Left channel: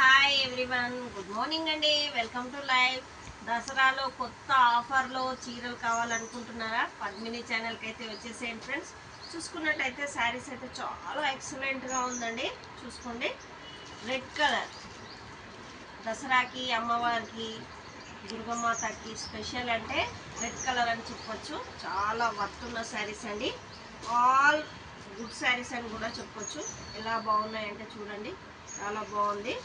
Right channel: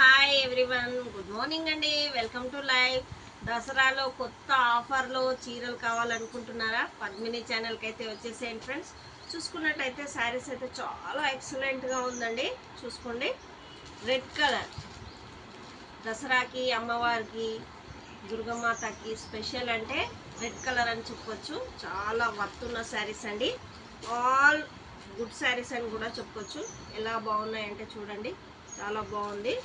Hi everyone, good morning అండి. Welcome to live. దసరాలో కొత్త ఆఫర్లో చీరలు కావాలనుకుంటున్నారా? పద్మిని ఛానల్కి అయితే వచ్చేసేయండి ఫ్రెండ్స్. చూసుకున్నట్టయితే శారీస్ అయితే చాలా ఎక్సలెంట్గా ఉందండి. చూసుకోండి, రెడ్ కలర్ దసరాకి, అమ్మవారికి, దుర్గమాతకి స్పెషల్ అంటే రెడ్ కలర్ అని చెప్పొచ్చు. చాలా వర్త్ ఉన్న శారీస్ అండి. ఆల్ గుడ్ శారీస్ అని కూడా చెప్పొచ్చు. ఎలా బాగున్నాయంటే చూడండి, చాలా బాగుంది.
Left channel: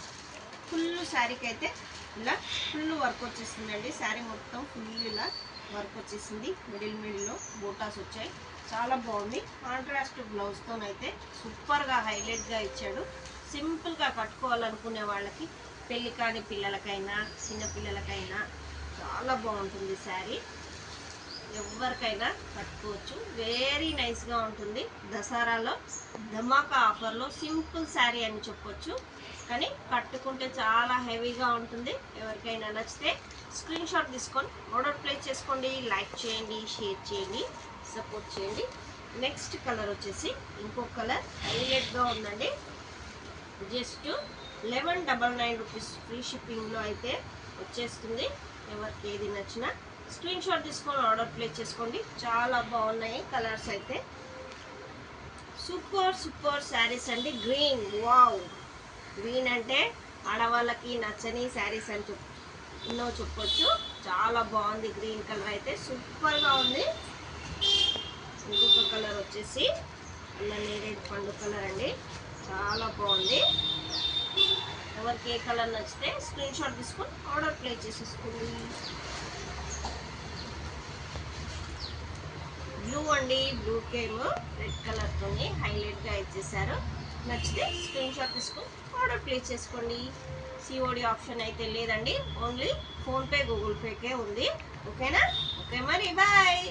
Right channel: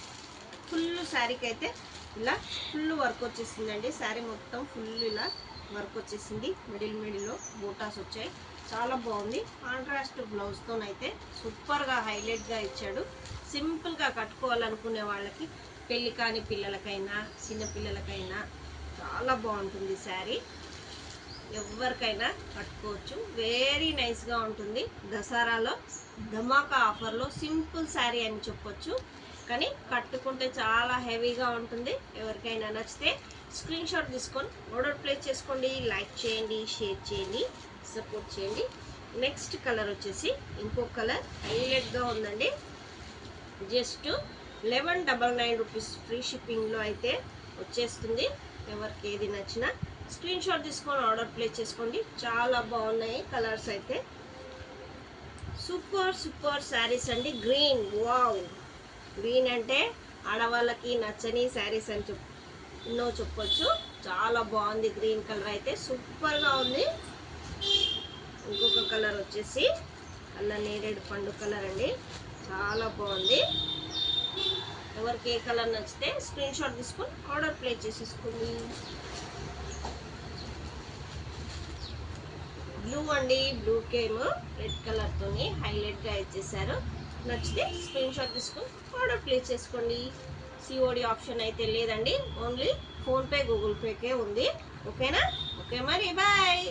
ఫుల్ శారీకి అయితే ఇలా ఫుల్ వర్క్ వచ్చేసిందండి. శారీ మొత్తం ఫుల్ ఇలా వర్క్ వచ్చేసింది. మిడిల్లో బూటాస్ వచ్చాయి. చాలా బాగుంది. కాంట్రాస్ట్ బ్లౌజ్తోనైతే సూపర్గా హైలైట్గా ఇచ్చాడు. సింపుల్గా కట్టుకోవాలనుకునే వాళ్ళకి, పెళ్ళి కాని పిల్లలకైనా చిన్నపిల్లలకైనా చాలా బాగుంటుంది శారీ. ఎవరికైనా కట్టుకోవచ్చు. వెరీ నైస్గా ఉంటుంది. దసరాలో ధమాకా ఆఫర్లో సింపుల్ శారీ అని చెప్పొచ్చు. కానీ కట్టుకుంటే చాలా హెవీగా ఉంటుంది. ఎవరికైనా నచ్చితే స్క్రీన్ షాట్ తీసుకొని ఆర్డర్ ప్లేస్ చేసుకోండి. లైక్ చేయండి, షేర్ చేయండి, సపోర్ట్ చేయండి. నెక్స్ట్ కలర్ వచ్చేసి ఇంకొక కలర్ హైలైట్గా ఉందండి. జస్ట్ 1199 రూపీస్ ఫ్రీ షిప్పింగ్లో అయితే వచ్చేస్తుంది. ఎవరికి ఏది నచ్చినా స్క్రీన్ షాట్ తీసుకొని ఆర్డర్ ప్లేస్ చేసుకోండి. చాలా బాగున్నాయి కలర్స్ అయితే. సూపర్ శారీస్ అండి. గ్రీన్, వావ్, గ్రీన్ అంటే ఆడవాళ్ళకి నచ్చని శారీస్ అని చెప్పొచ్చు. చాలా బాగుంది. గ్రీన్ కలర్ అయితే సూపర్గా ఉంది. ఇంకొక కలర్ వచ్చేసి అలా నేరేడు పండు కలర్ అండి. చాలా బాగుంది. ఎవరికి ఏ కలర్ నచ్చితే స్క్రీన్ షాట్ తీసుకొని ఆర్డర్ ప్లేస్ చేసేసుకోండి. బ్లూ అండి, బ్లూ కేమో రెడ్ కలర్తో హైలైట్గా ఇచ్చేసారు. నచ్చితే స్క్రీన్ షాట్ తీసుకొని ఆర్డర్ ప్లేస్ చేసుకోండి. సిఓడి ఆప్షన్ అయితే లేదండి. ఓన్లీ ఫోన్పే, గూగుల్ పేకే ఉంది. ఓకేనా? ఓకే మరి, బాయ్.